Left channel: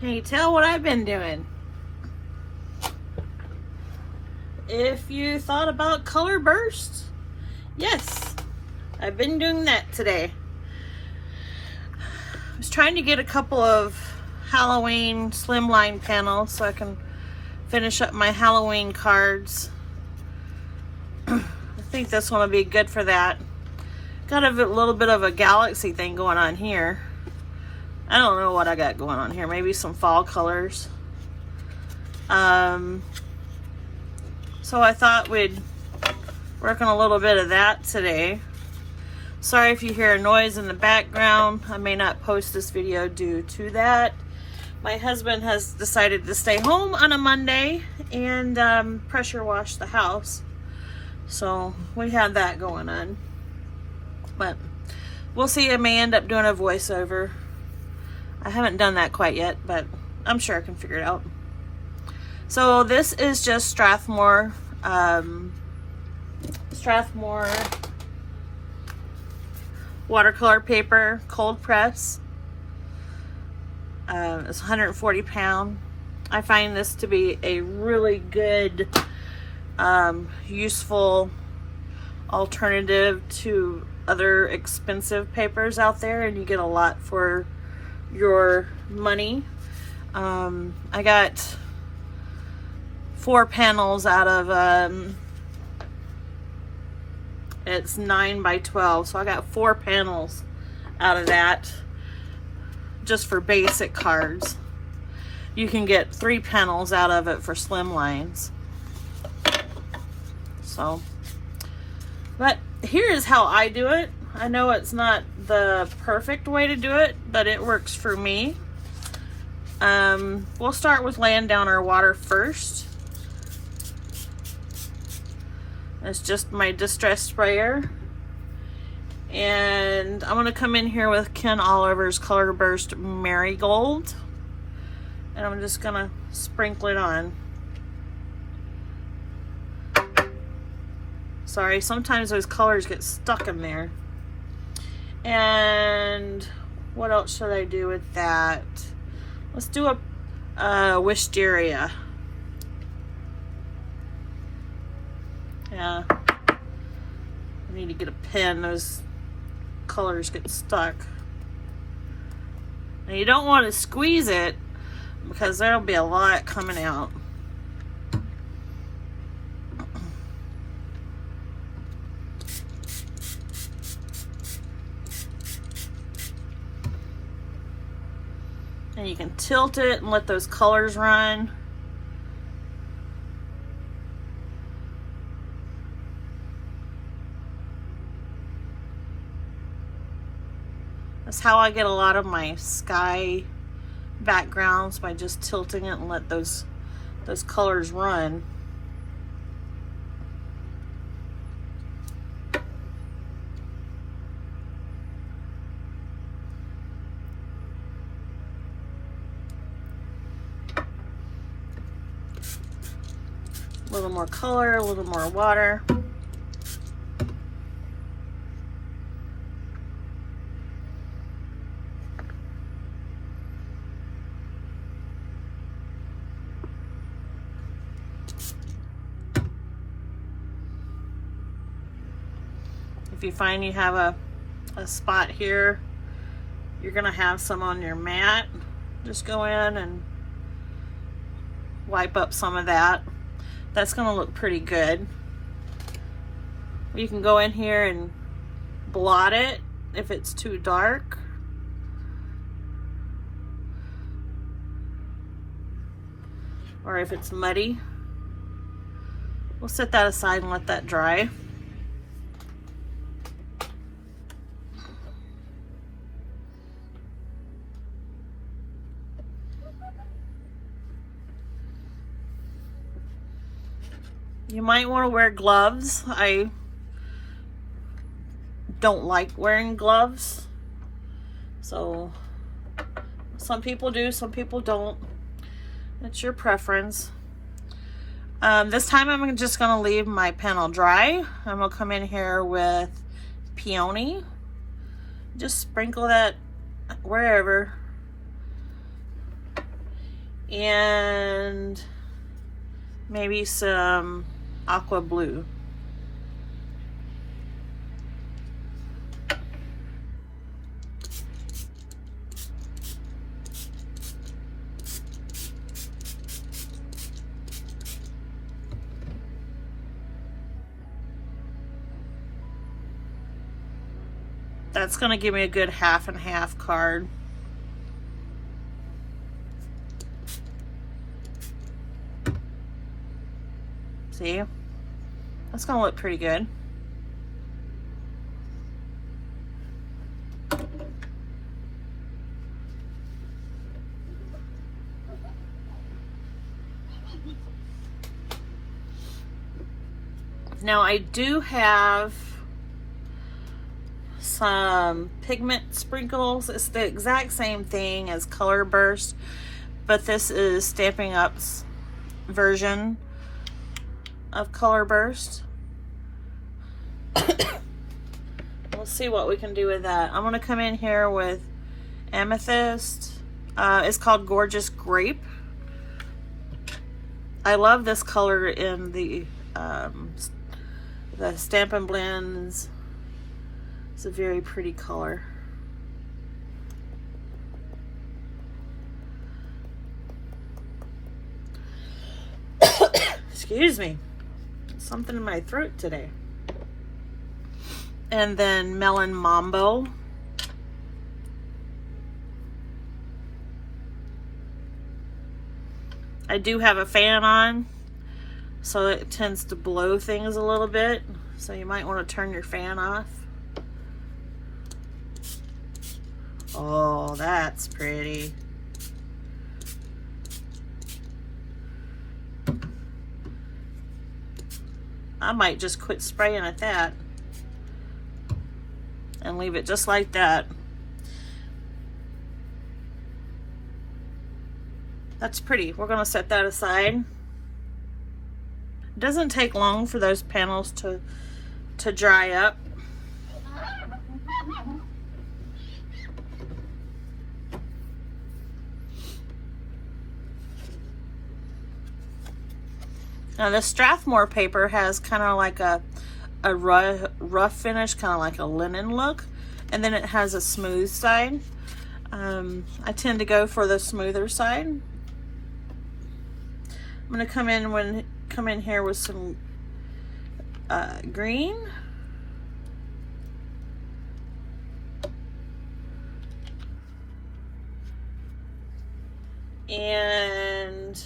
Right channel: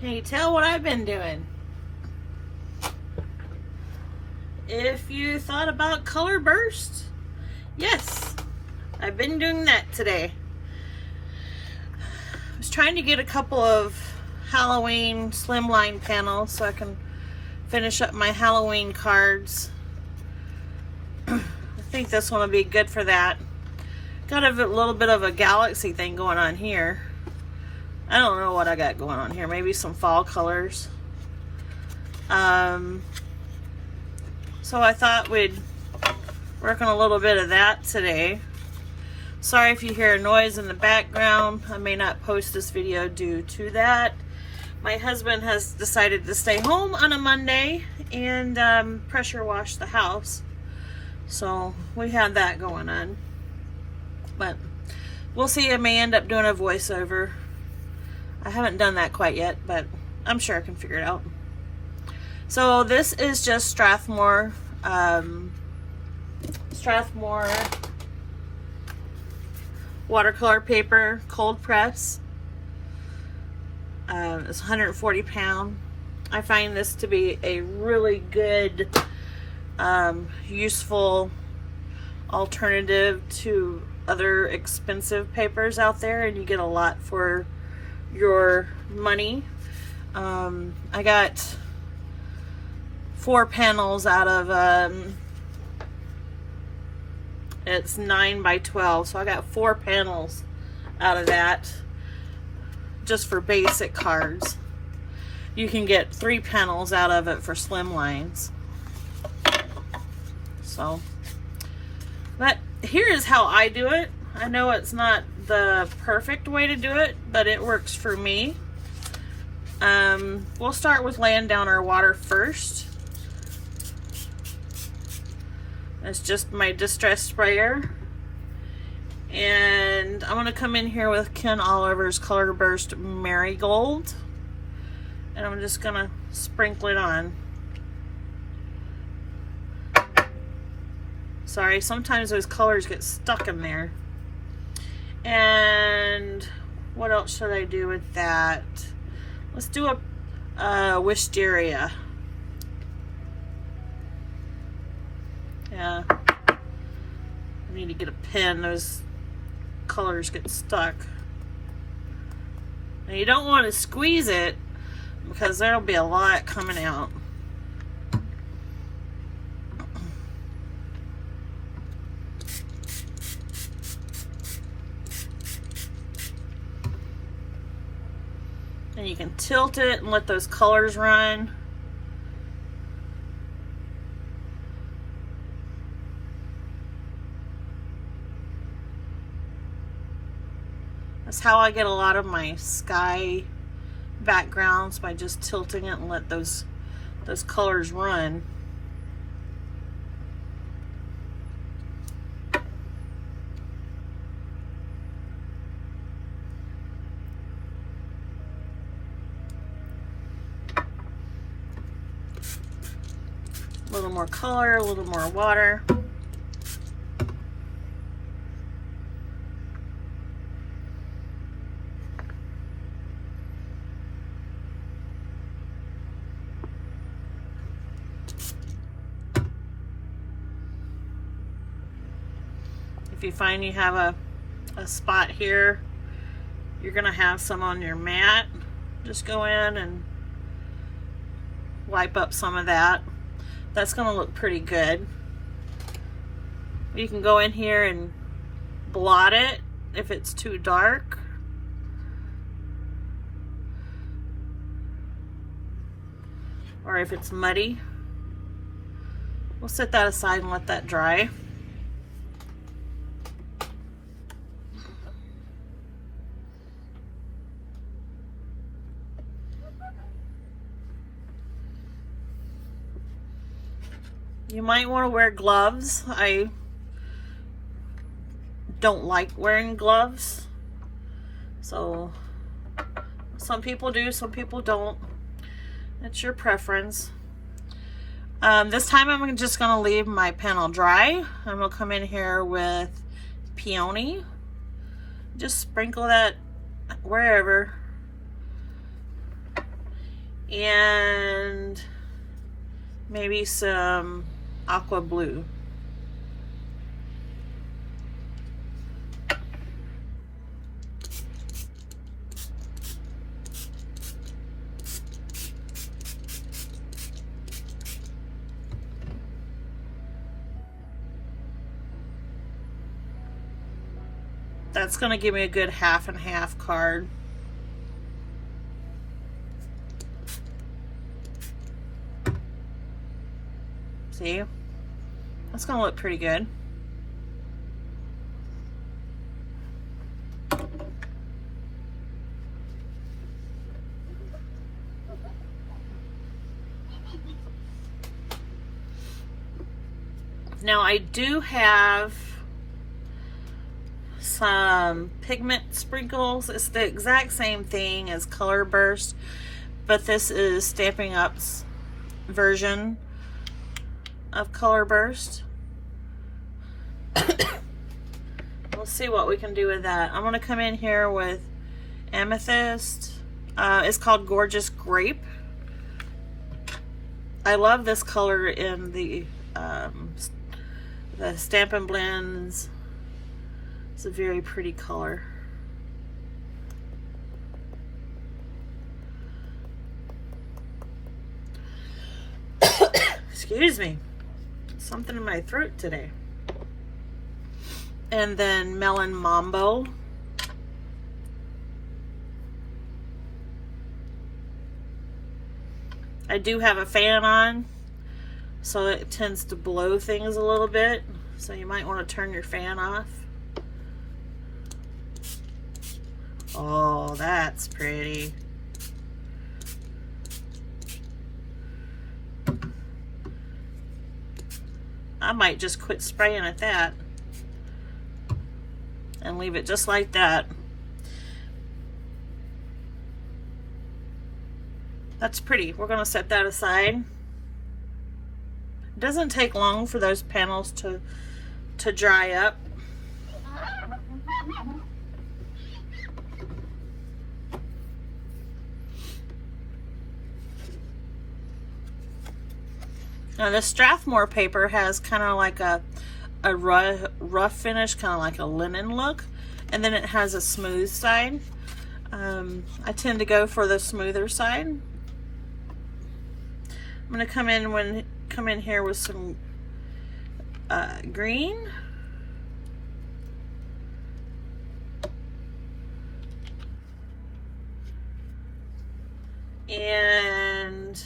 Can you tell what I've been doing? If you thought about color burst, yes, I've been doing that today. I was trying to get a couple of Halloween slimline panels so I can finish up my Halloween cards. I think this one will be good for that. Got a little bit of a galaxy thing going on here. I don't know what I got going on here. Maybe some fall colors. So I thought we'd work on a little bit of that today. Sorry if you hear a noise in the background. I may not post this video due to that. My husband has decided to stay home on a Monday and pressure wash the house. So we had that going on. But we'll see. I may end up doing a voiceover. I haven't done that quite yet, but I'm sure I can figure it out. So this is just Strathmore watercolor paper, cold press. It's 140 pound. I find this to be a really good, useful alternative to other expensive papers out there, and you get a lot for your money. I got 4 panels out of it's 9 by 12, so I got 4 panels out of that just for basic cards. You can get 3 panels out of it for slim lines. So, but here's how I do it. I know it's not the perfect way to do it, but it works for me. We'll start with laying down our water first. It's just my distress sprayer. And I'm going to come in here with Ken Oliver's Color Burst Marigold. And I'm just going to sprinkle it on. Sorry, sometimes those colors get stuck in there. And what else should I do with that? Let's do a wisteria. Yeah, I need to get a pen. Those colors get stuck. And you don't want to squeeze it because there'll be a lot coming out. And you can tilt it and let those colors run. That's how I get a lot of my sky backgrounds, by just tilting it and let those colors run. A little more color, a little more water. If you find you have a spot here, you're gonna have some on your mat, just go in and wipe up some of that. That's gonna look pretty good. You can go in here and blot it if it's too dark. Or if it's muddy. We'll set that aside and let that dry. You might want to wear gloves. I don't like wearing gloves. So some people do, some people don't. It's your preference. This time I'm just going to leave my panel dry. I'm going to come in here with peony. Just sprinkle that wherever. and maybe some aqua blue. That's going to give me a good half and half card. See? That's going to look pretty good. Now I do have some pigment sprinkles. It's the exact same thing as Color Burst, but this is Stampin' Up's version of Color Burst. We'll see what we can do with that. I'm going to come in here with Amethyst. It's called Gorgeous Grape. I love this color in the Stampin' Blends. It's a very pretty color. Excuse me. Something in my throat today. And then Melon Mambo. I do have a fan on, so it tends to blow things a little bit. So you might want to turn your fan off. Oh, that's pretty. I might just quit spraying at that and leave it just like that. That's pretty. We're going to set that aside. It doesn't take long for those panels to dry up. Now the Strathmore paper has kind of like a rough finish, kind of like a linen look, and then it has a smooth side. I tend to go for the smoother side. I'm gonna come in here with some green. And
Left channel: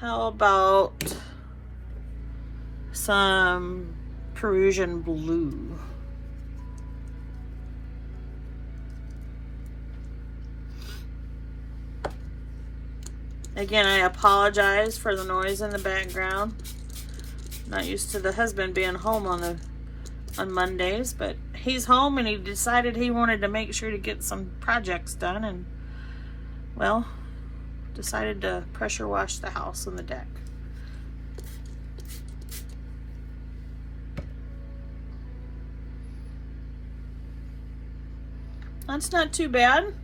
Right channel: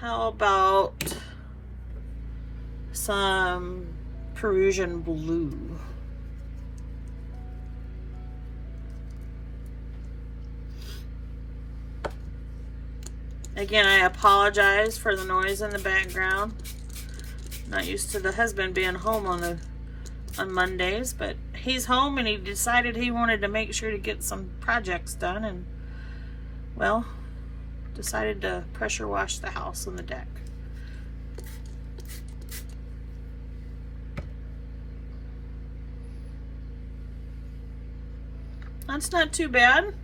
how about some Perusian blue? Again, I apologize for the noise in the background. Not used to the husband being home on Mondays, but he's home and he decided he wanted to make sure to get some projects done, and well, decided to pressure wash the house and the deck. That's not too bad.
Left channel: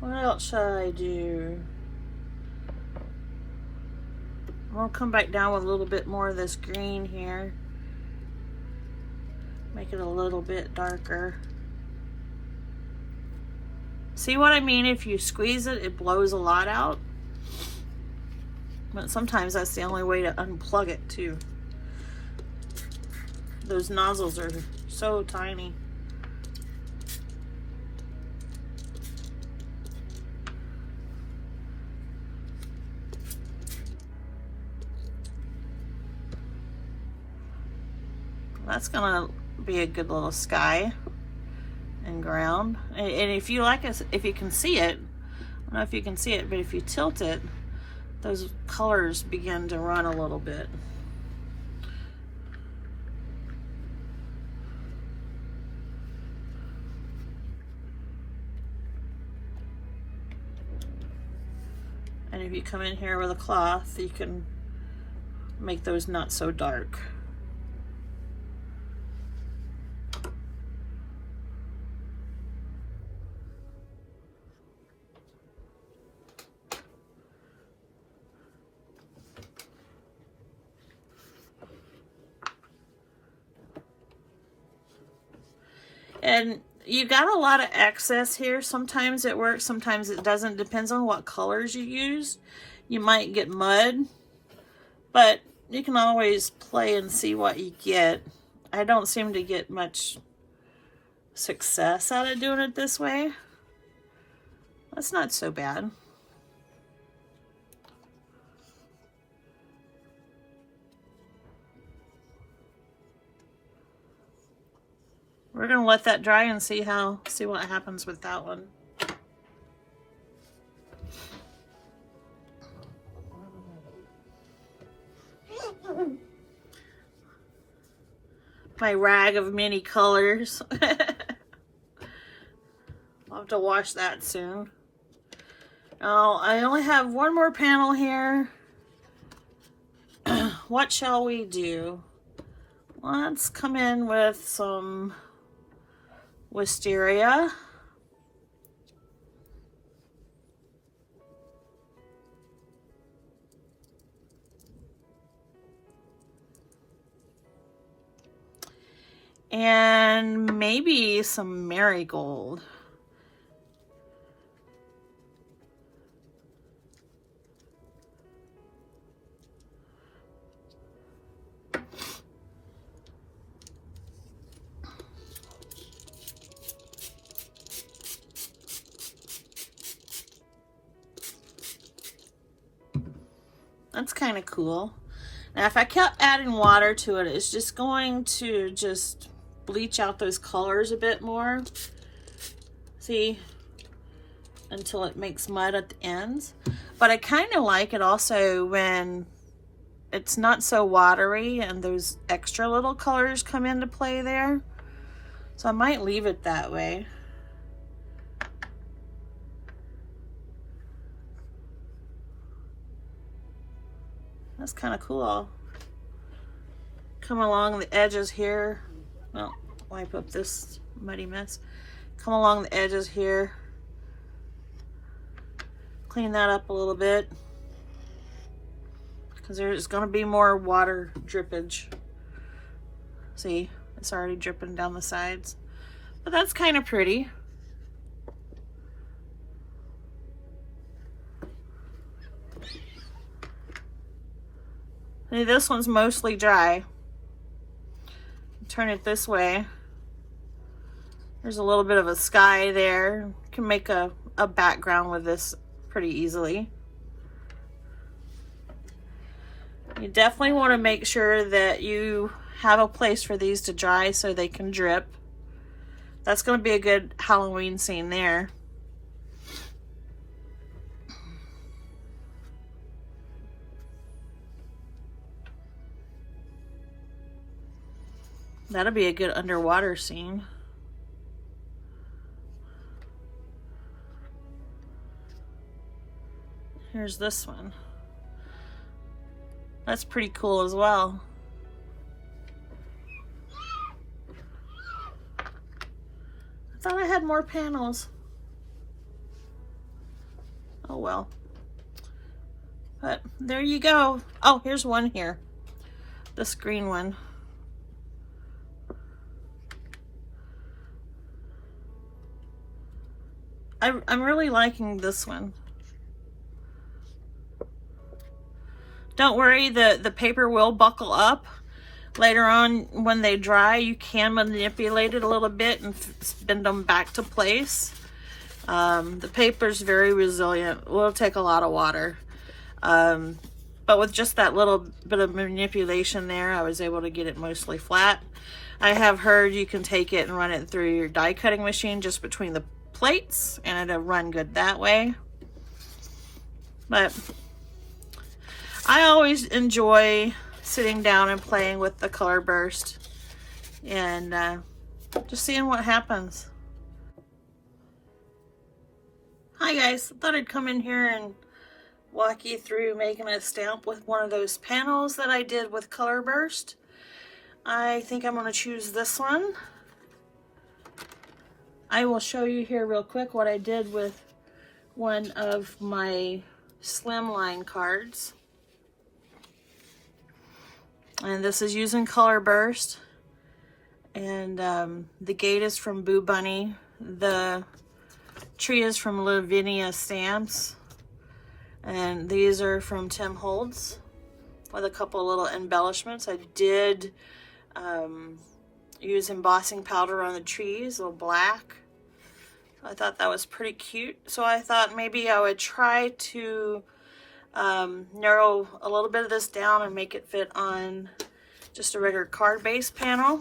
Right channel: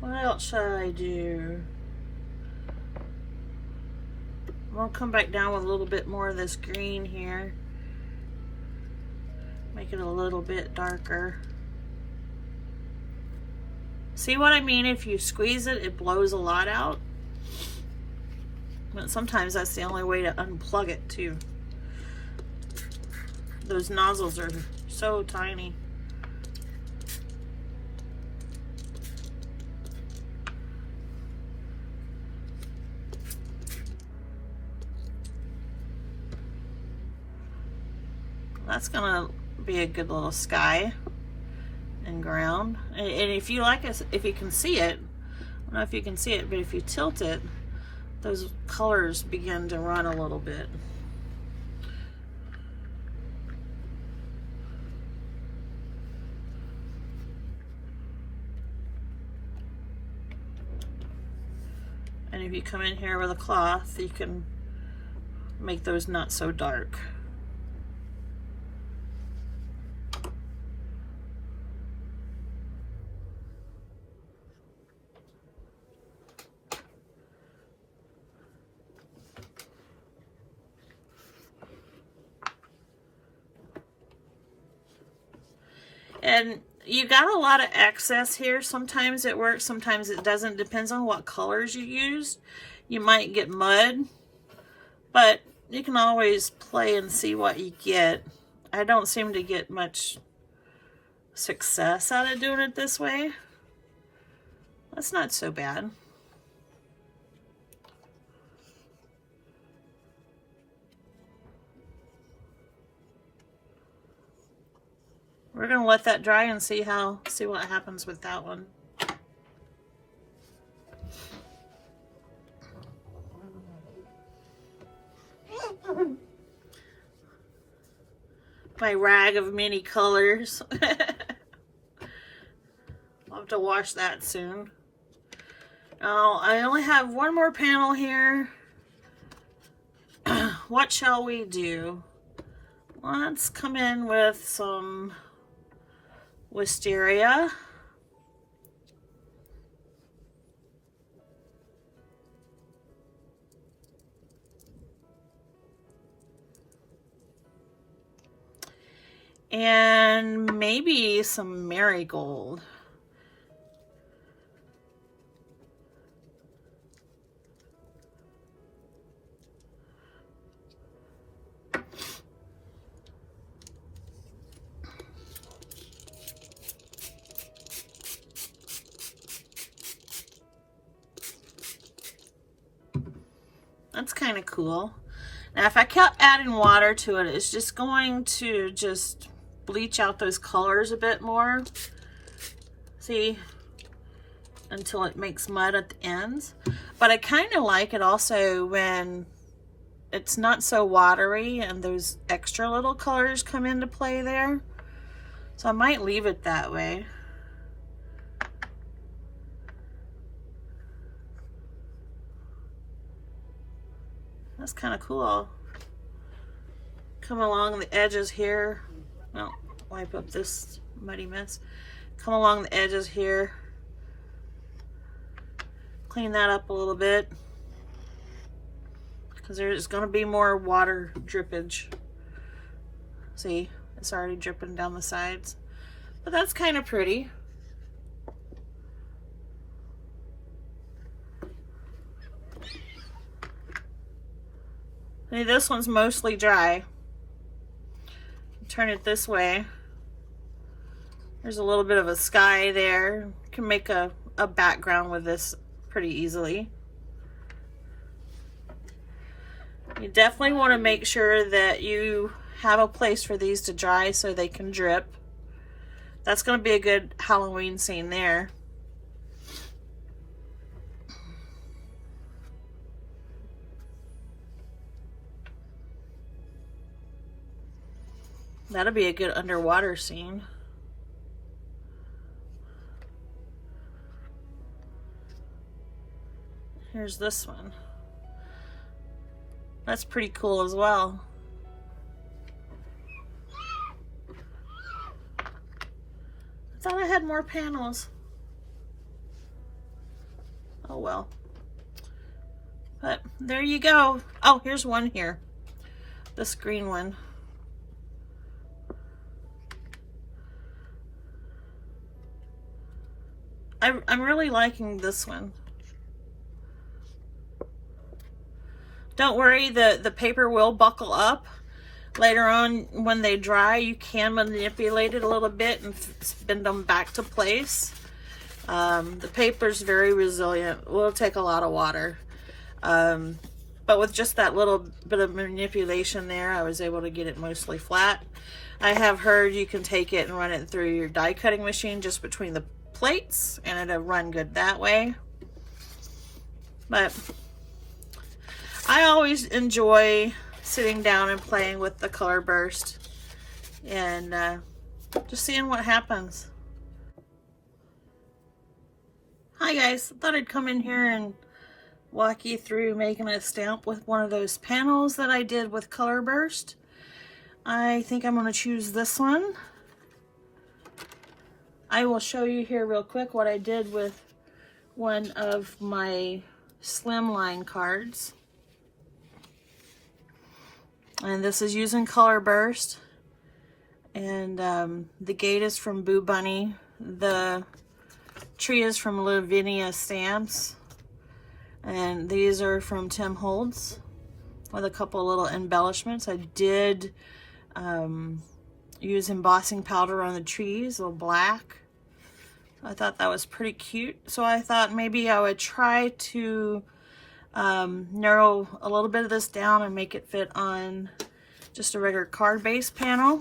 What else should I do? I'm gonna come back down with a little bit more of this green here. Make it a little bit darker. See what I mean? If you squeeze it, it blows a lot out. But sometimes that's the only way to unplug it too. Those nozzles are so tiny. That's gonna be a good little sky and ground. And if you like it, if you can see it, I don't know if you can see it, but if you tilt it, those colors begin to run a little bit. And if you come in here with a cloth, you can make those not so dark. And you got a lot of excess here. Sometimes it works, sometimes it doesn't. Depends on what colors you use. You might get mud, but you can always play and see what you get. I don't seem to get much success out of doing it this way. That's not so bad. We're gonna let that dry and see what happens with that one. My rag of many colors. I'll have to wash that soon. Oh, I only have one more panel here. What shall we do? Let's come in with some wisteria. And maybe some marigold. That's kind of cool. Now, if I kept adding water to it, it's just going to just bleach out those colors a bit more. See? Until it makes mud at the ends. But I kind of like it also when it's not so watery and those extra little colors come into play there. So I might leave it that way. That's kind of cool. Come along the edges here. Well, wipe up this muddy mess. Come along the edges here. Clean that up a little bit. Because there's going to be more water drippage. See, it's already dripping down the sides. But that's kind of pretty. See, this one's mostly dry. Turn it this way. There's a little bit of a sky there. You can make a background with this pretty easily. You definitely want to make sure that you have a place for these to dry so they can drip. That's going to be a good Halloween scene there. That'll be a good underwater scene. Here's this one. That's pretty cool as well. I thought I had more panels. Oh well. But there you go. Oh, here's one here. This green one. I'm really liking this one. Don't worry, the paper will buckle up. Later on, when they dry, you can manipulate it a little bit and spin them back to place. The paper's very resilient. It will take a lot of water. But with just that little bit of manipulation there, I was able to get it mostly flat. I have heard you can take it and run it through your die cutting machine just between the plates and it'll run good that way. But I always enjoy sitting down and playing with the Color Burst and just seeing what happens. Hi guys, thought I'd come in here and walk you through making a stamp with one of those panels that I did with Color Burst. I think I'm going to choose this one. I will show you here real quick what I did with one of my Slimline cards. And this is using Color Burst. And the gate is from Boo Bunny. The tree is from Lavinia Stamps. And these are from Tim Holtz with a couple little embellishments. I did use embossing powder on the trees, a little black. I thought that was pretty cute. So I thought maybe I would try to narrow a little bit of this down and make it fit on just a regular card base panel.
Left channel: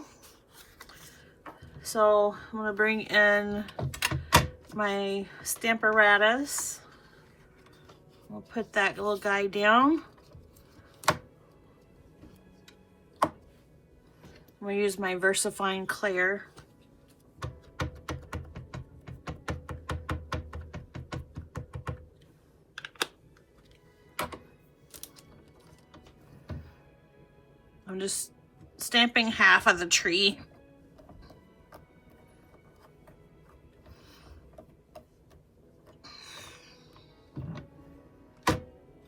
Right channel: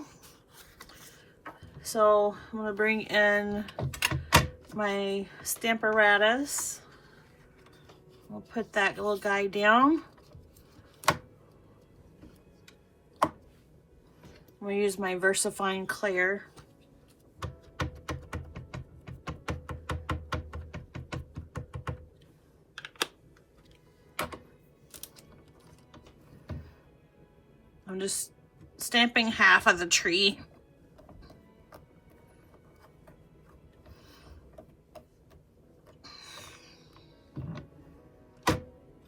So I'm going to bring in my Stamparatus. I'll put that little guy down. I'm going to use my VersaFine Clear. I'm just stamping half of the tree.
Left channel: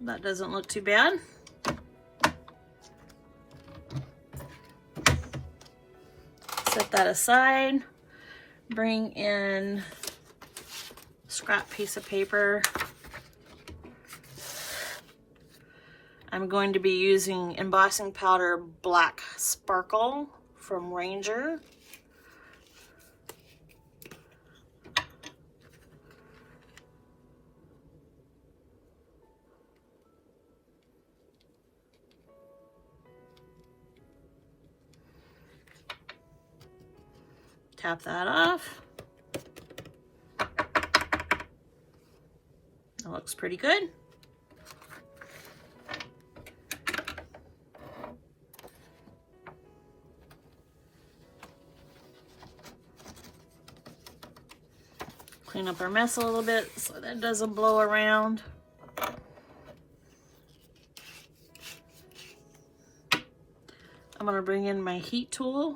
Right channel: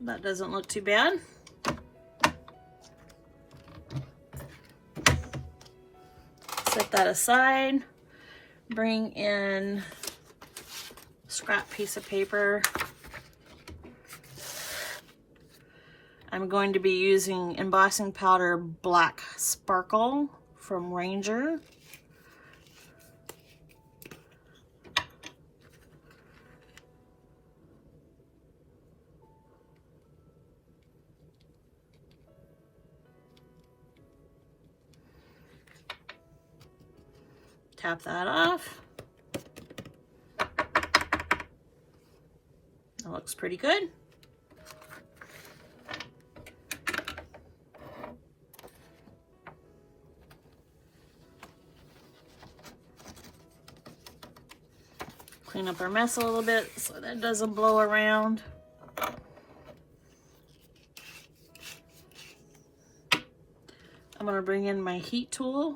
That doesn't look too bad. Set that aside. Bring in a scrap piece of paper. I'm going to be using embossing powder Black Sparkle from Ranger. Tap that off. That looks pretty good. Clean up our mess a little bit so that it doesn't blow around. I'm going to bring in my heat tool.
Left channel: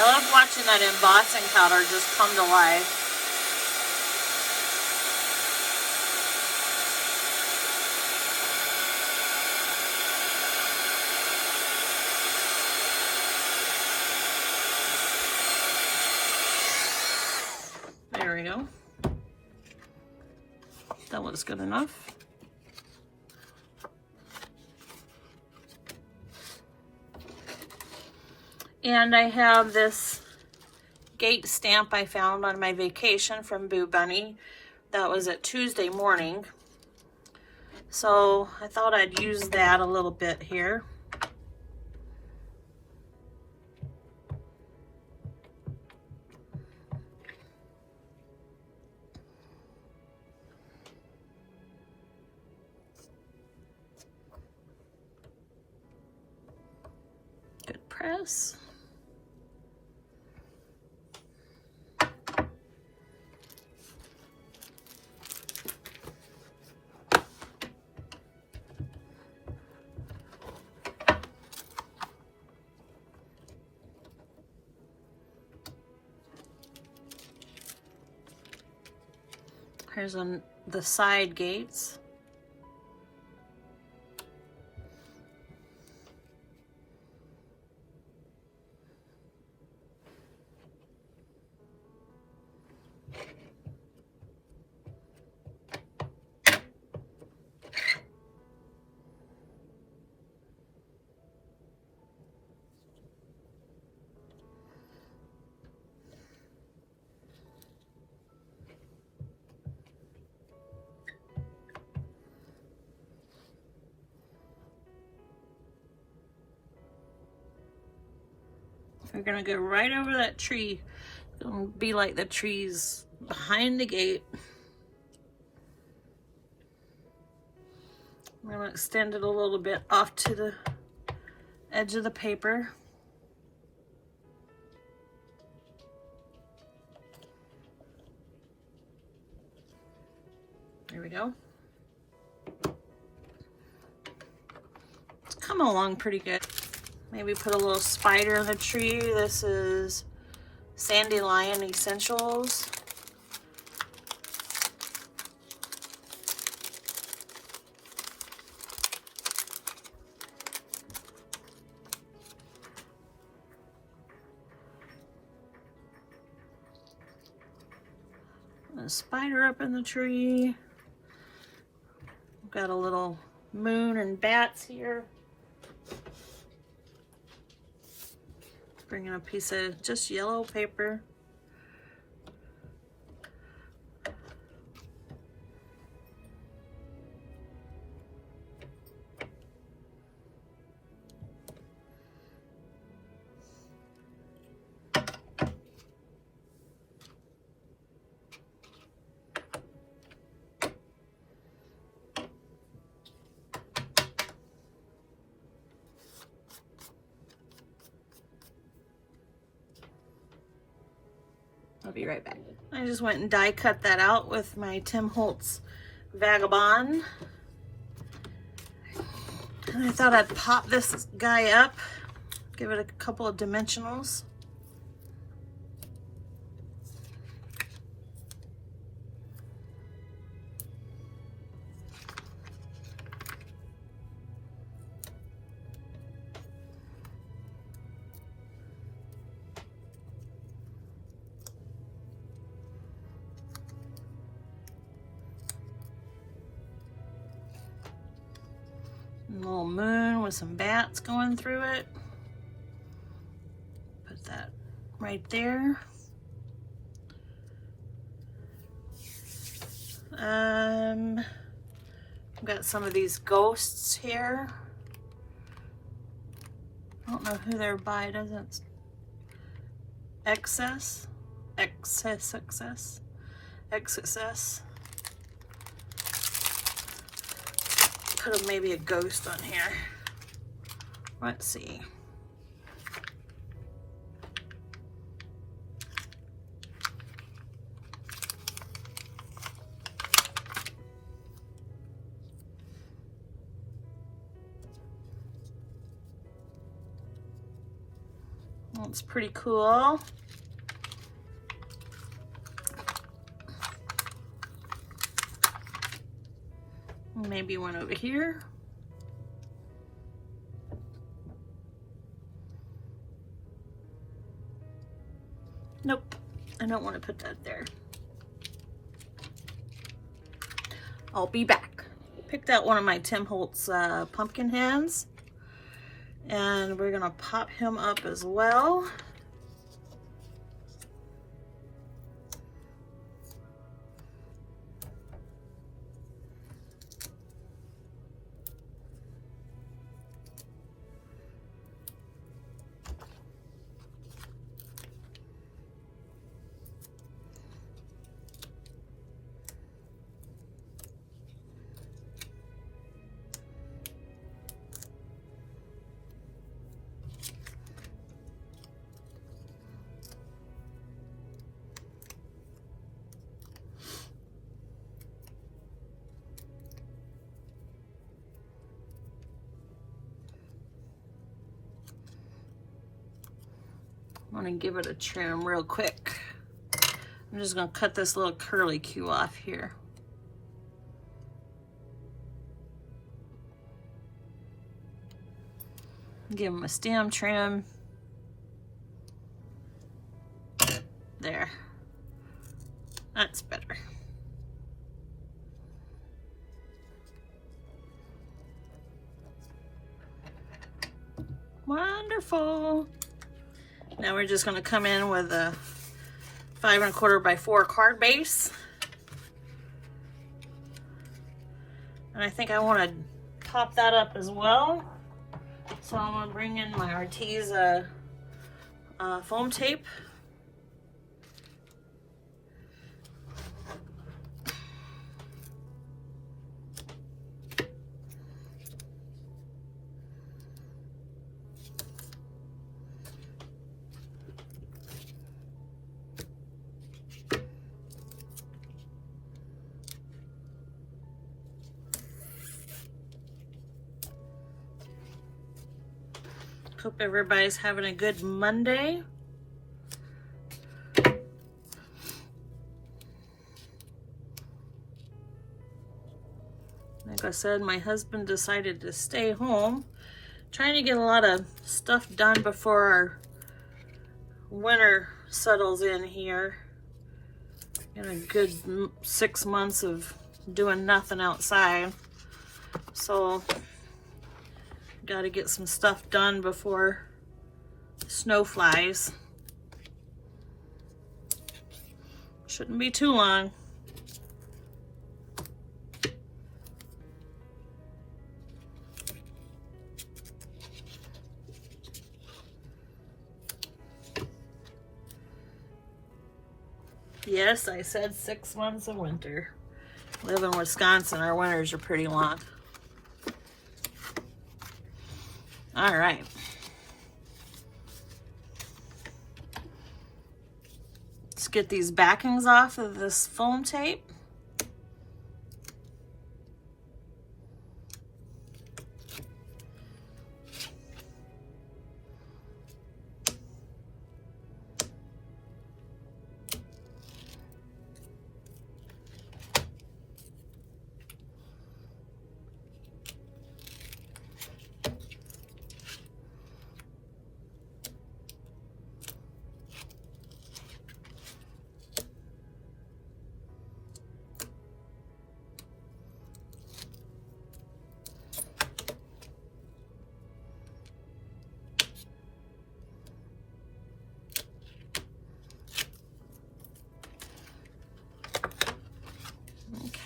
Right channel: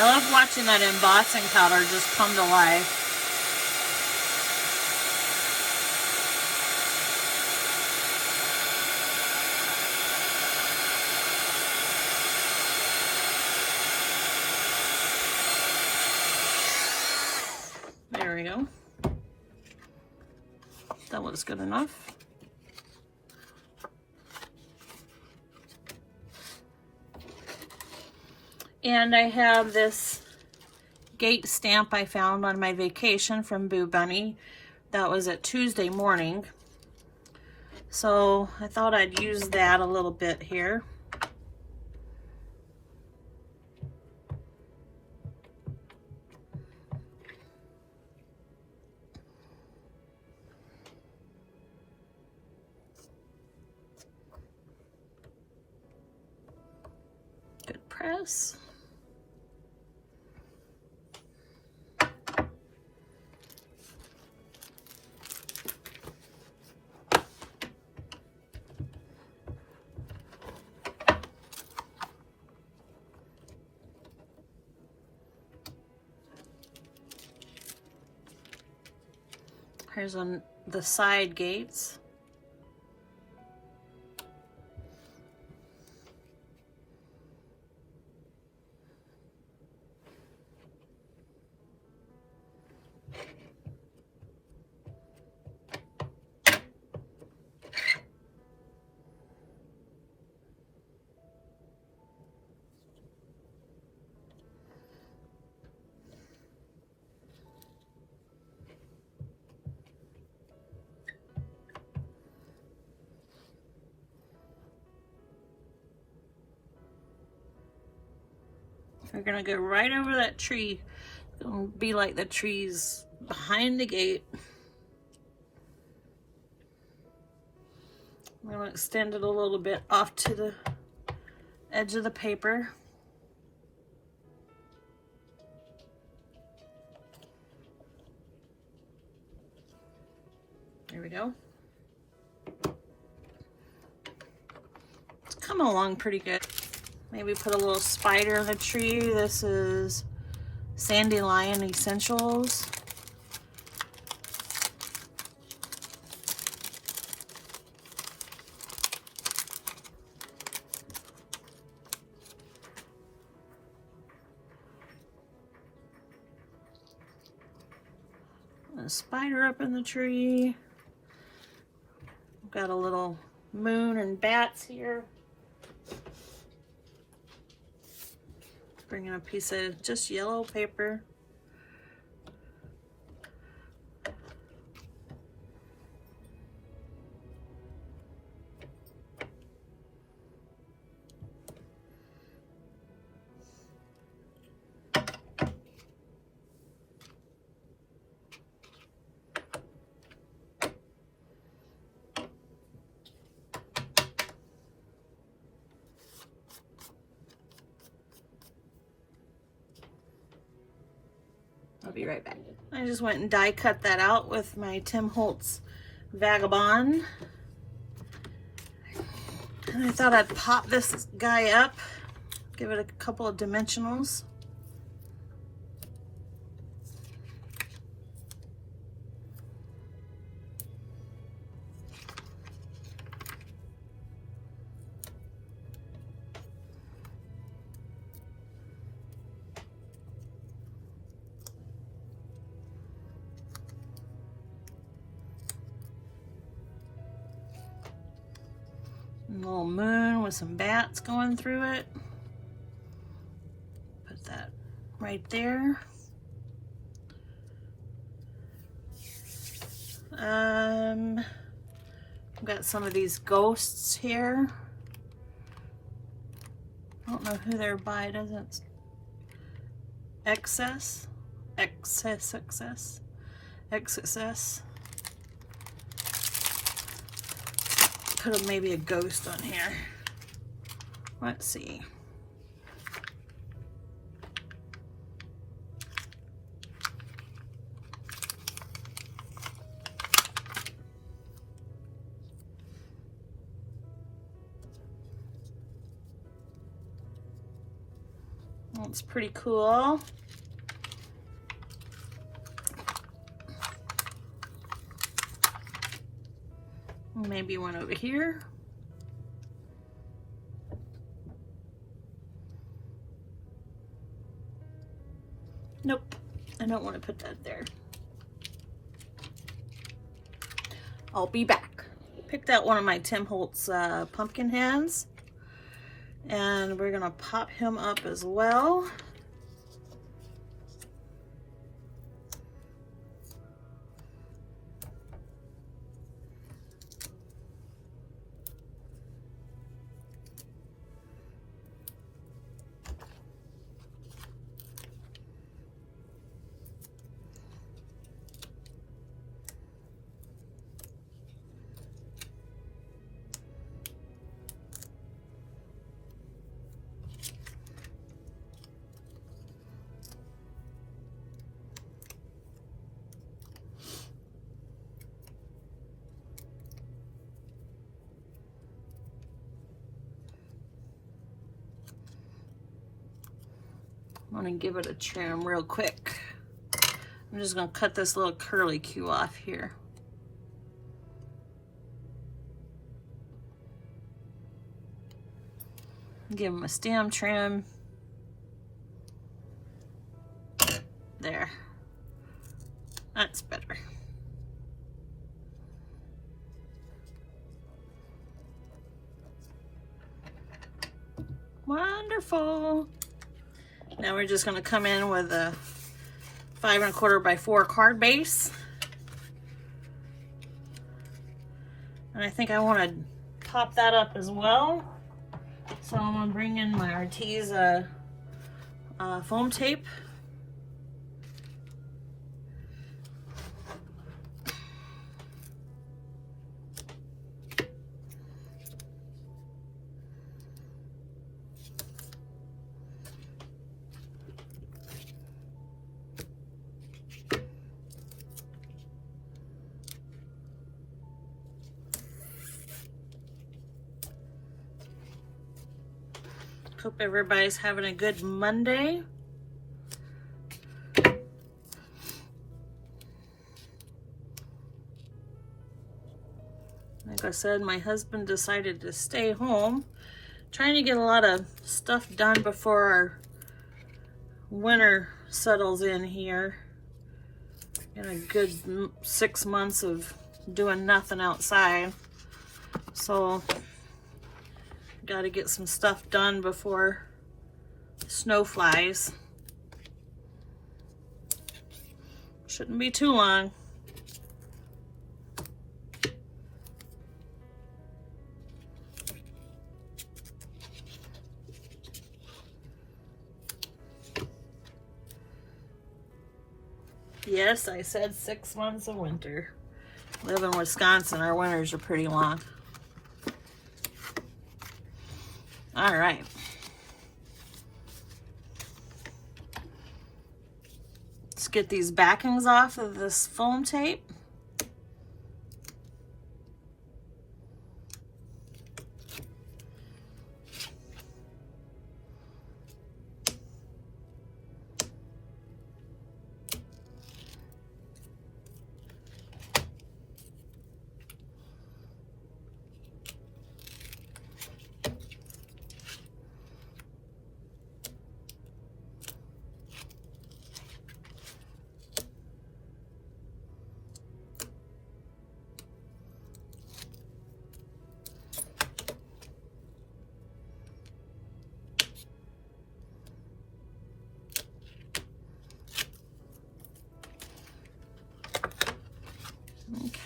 I love watching that embossing powder just come to life. There we go. That looks good enough. And I have this gate stamp I found on my vacation from Boo Bunny. That was at Tuesday morning. So I thought I'd use that a little bit here. Good press. Here's on the side gates. We're gonna go right over that tree. It's gonna be like the trees behind the gate. I'm gonna extend it a little bit off to the edge of the paper. There we go. coming along pretty good. Maybe put a little spider in the tree. This is Sandy Lion Essentials. A spider up in the tree. We've got a little moon and bats here. Bring in a piece of just yellow paper. I'll be right back. I just went and die cut that out with my Tim Holtz Vagabond. And I thought I'd pop this guy up, give it a couple of dimensionals. A little moon with some bats going through it. Put that right there. I've got some of these ghosts here. I don't know who they're by. Doesn't excess. Put maybe a ghost on here. Let's see. That's pretty cool. Maybe one over here. Nope, I don't want to put that there. I'll be back. Picked out one of my Tim Holtz pumpkin hands, and we're gonna pop him up as well. I'm gonna give it a trim real quick. I'm just gonna cut this little curly Q off here. Give him a stem trim. There. That's better. Wonderful. Now we're just going to come in with a 5 1/4 by 4 card base. And I think I want to pop that up as well. So I'm going to bring in my Arteza foam tape. Hope everybody's having a good Monday. Like I said, my husband decided to stay home, trying to get a lot of stuff done before winter settles in here. Get a good 6 months of doing nothing outside. So, got to get some stuff done before snow flies. Shouldn't be too long. Yes, I said 6 months of winter. Live in Wisconsin, our winters are pretty long. All right. Let's get these backings off of this foam tape.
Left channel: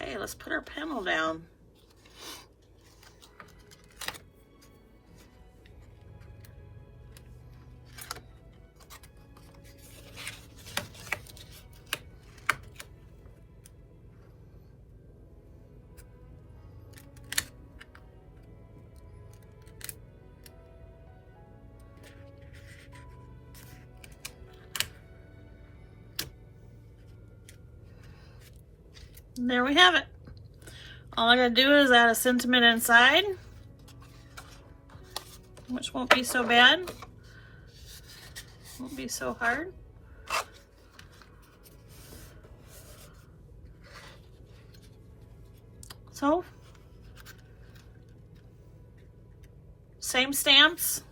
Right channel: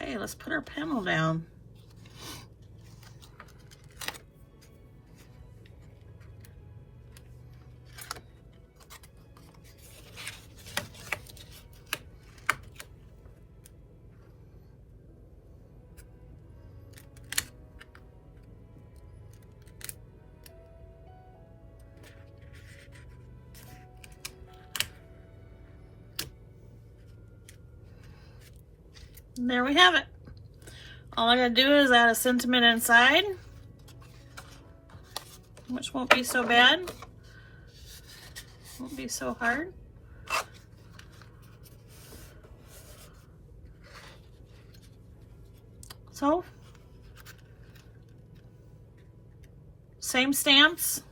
Okay, let's put our panel down. And there we have it. All I'm going to do is add a sentiment inside, which won't be so bad. Won't be so hard. So, same stamps,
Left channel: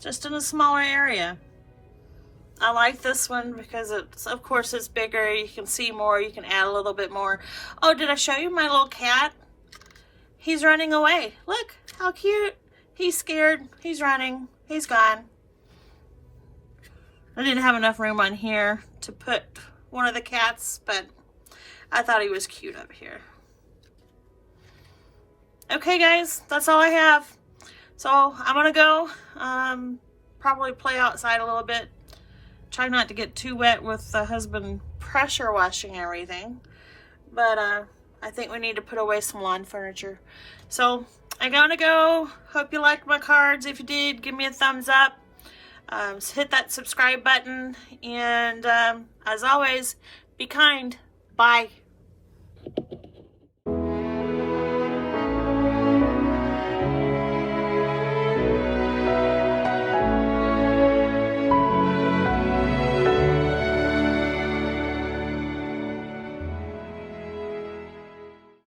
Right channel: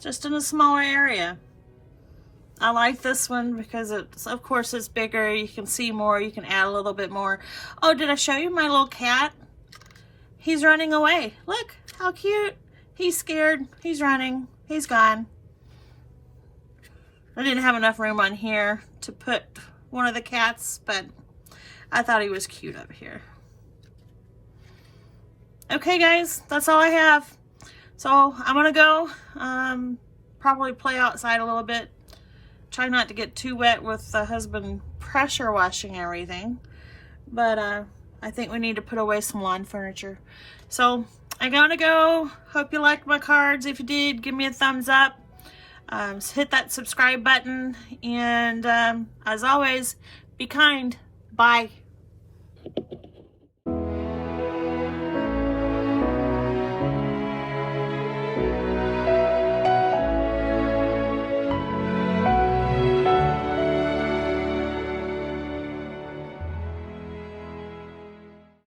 just in a smaller area. I like this one because it's, of course, it's bigger. You can see more. You can add a little bit more. Oh, did I show you my little cat? He's running away. Look, how cute. He's scared. He's running. He's gone. I didn't have enough room on here to put one of the cats, but I thought he was cute up here. Okay, guys, that's all I have. So I'm going to go probably play outside a little bit. Try not to get too wet with the husband pressure washing everything. But I think we need to put away some lawn furniture. So I gotta go. Hope you liked my cards. If you did, give me a thumbs up. Hit that subscribe button. And as always, be kind. Bye.